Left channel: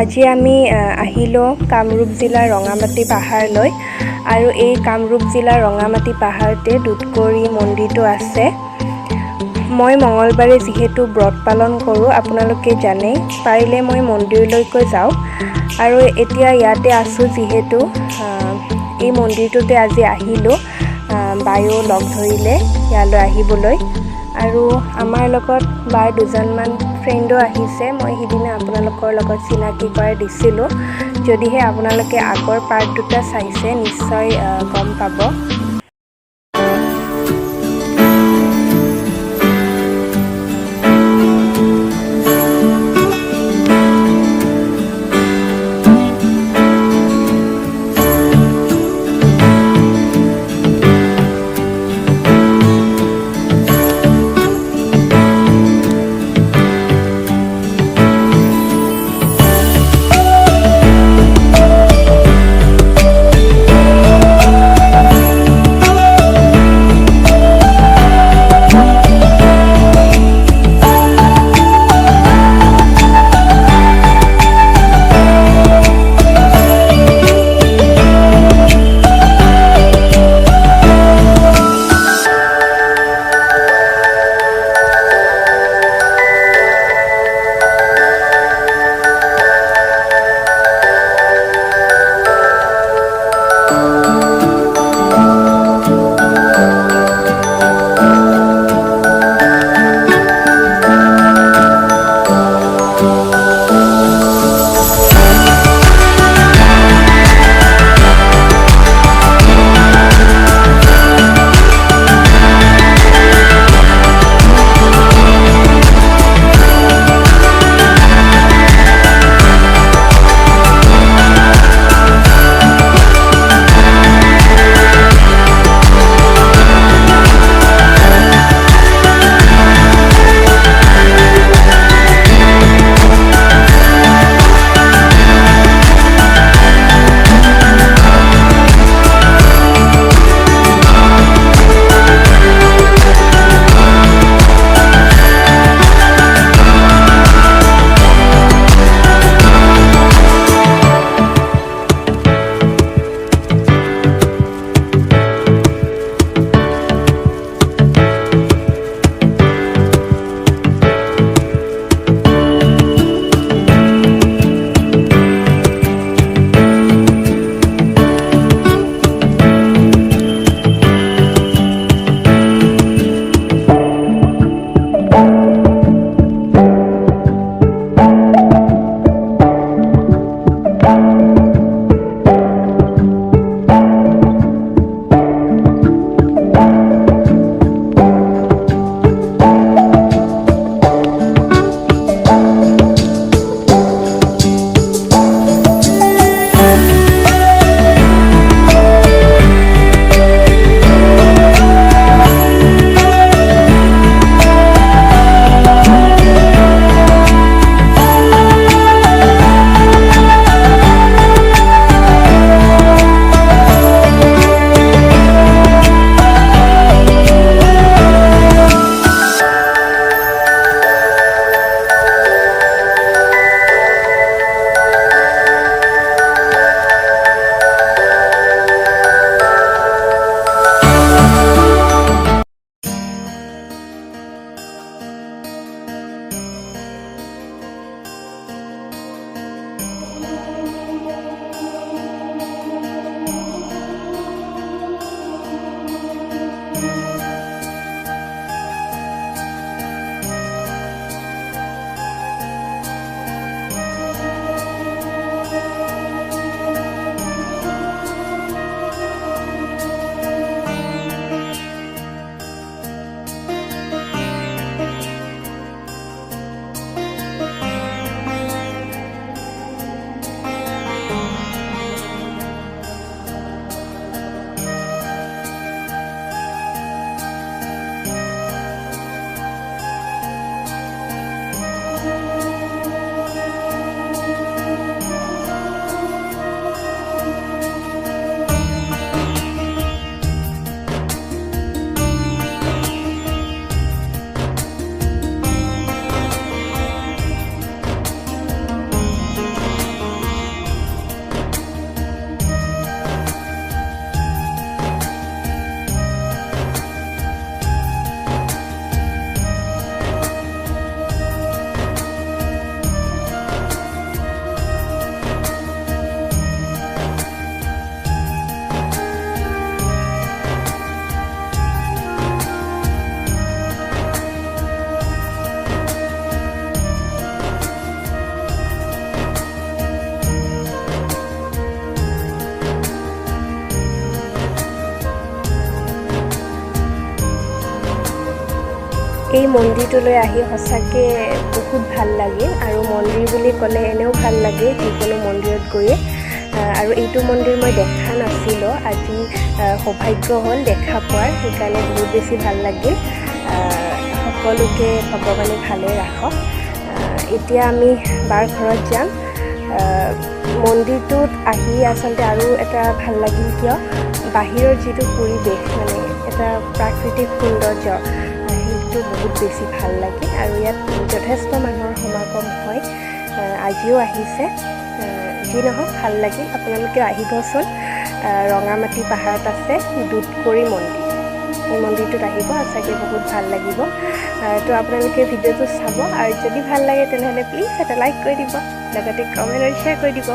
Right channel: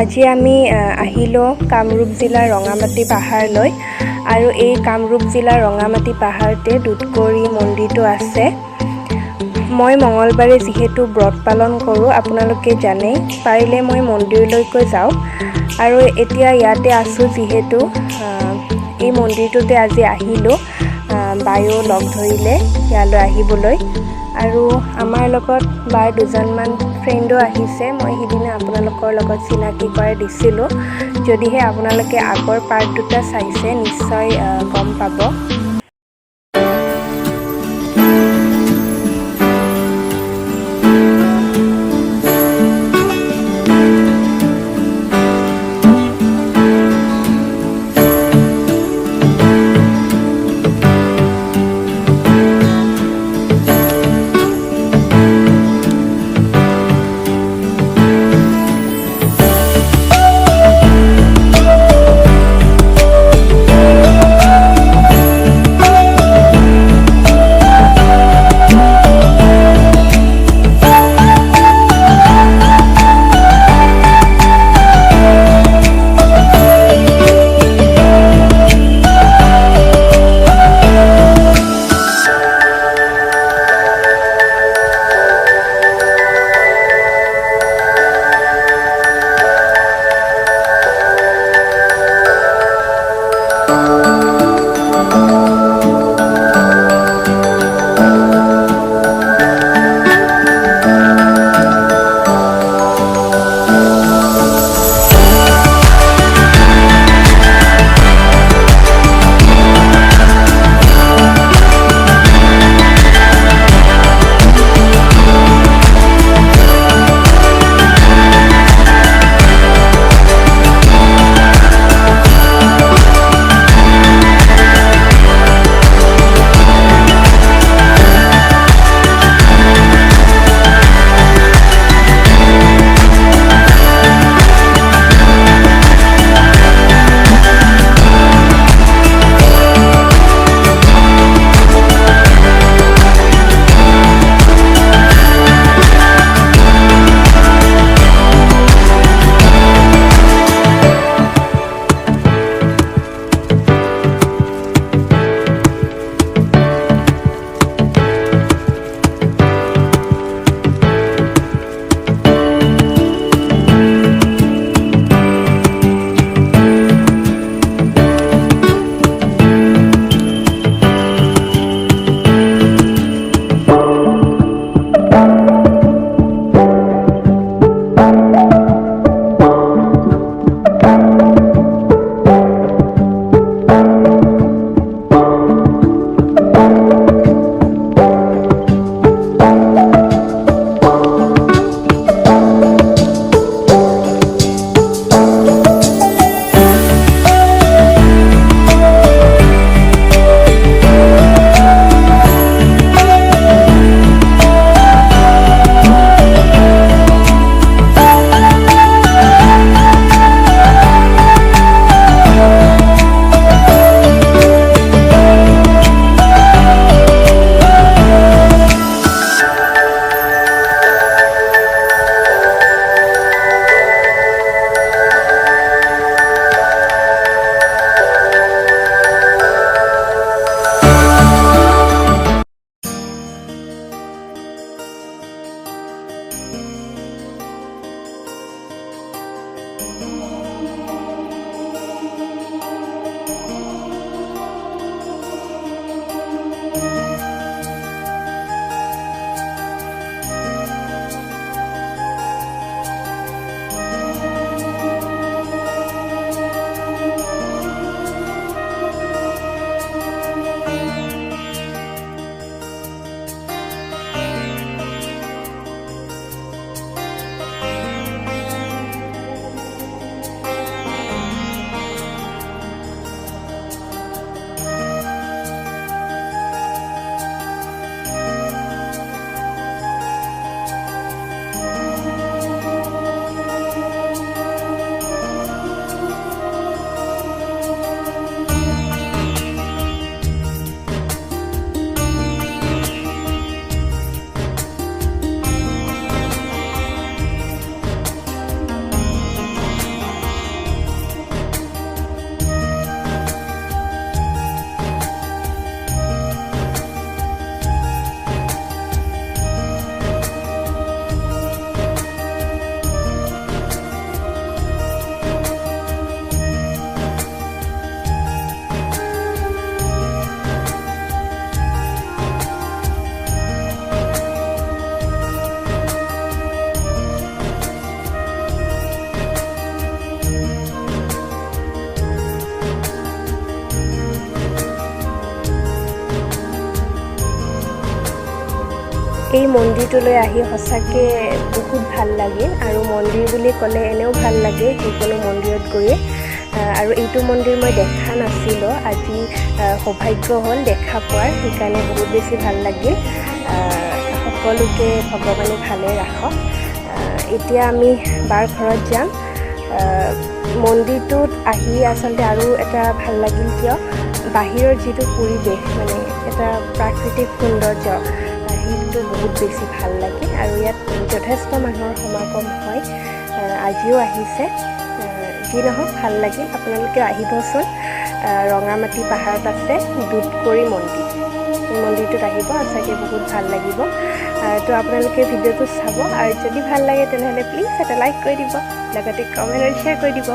আজি আমি আহিলো কামৰূপ জিলাৰ ৰঙামাটি পাহাৰলৈ আৰু এই কামৰূপ জিলাৰ ৰঙামাটি পাহাৰতে দুধকৰি মন্দিৰটো আছে। মই মঙ্গলবাৰে যিহেতু ব্ৰত পালন কৰোঁ আপোনালোকে জানে, পাৰিলে মই মন্দিৰলৈকৈ যাওঁ আৰু এতিয়া ইয়াতে আছোঁ যিহেতু এই মন্দিৰটোতে আজি আহিলোঁ। বায়ো লগ ধৰিলে ইয়ালৈ আহিবলৈ আৰু আমাৰ লগত বাৰ দুজনমান ফ্ৰেণ্ডো আহিছে। মই সিদিনা আপোনালোকৰ লগত চিনাকি কৰাই দিছিলোঁ। যদিহে আপোনালোকে আগৰ পাৰ্ট দুটা চাইছে নিশ্চয় গম পাব। এই মন্দিৰটোলৈ আহি সঁচাকৈ বহুত ভাল লাগিল আৰু মন্দিৰ বুলি ক'লে এনেও ভাল লাগে যিকোনো মন্দিৰত গৈয়ে আৰু এইটো মন্দিৰ মই দেখা নাছিলোঁ আজি সৌভাগ্য হ'ল দেখা পোৱাৰ সেইকাৰণে বহুত বেছি ভাল লাগিল সকলোকে ভগৱানে ভালে ৰাখক এতিয়া আমি বাৰ ঘৰত যাম মন্দিৰটোত আহি আচলতে আৰু এটা ভাল লাগিল কিয় বাহিৰৰ যিটো পৰিৱেশ মানে এটা প্ৰাকৃতিক সৌন্দৰ্য সেইটো বহুত বেছি ভাল লাগে আৰু ইয়াত যথেষ্ট মানুহৰ সমাগম হয় আজিও আহিছে যি নহওক ভাল লাগিল আপোনালোকে আহিবচোন ৰঙামাটি পাহাৰত আছে দুধকৰি মন্দিৰ এই মন্দিৰটোত আহিব সঁচাকৈ বহুত ভাল লাগিব তো আপোনালোকে ভিডিঅ'টো চাব আৰু যদি ভাল লাগে তেনেহ'লে প্লিজ এটা লাইক কৰি দিব লগতে কমেণ্ট আৰু শ্বেয়াৰ কৰি দিব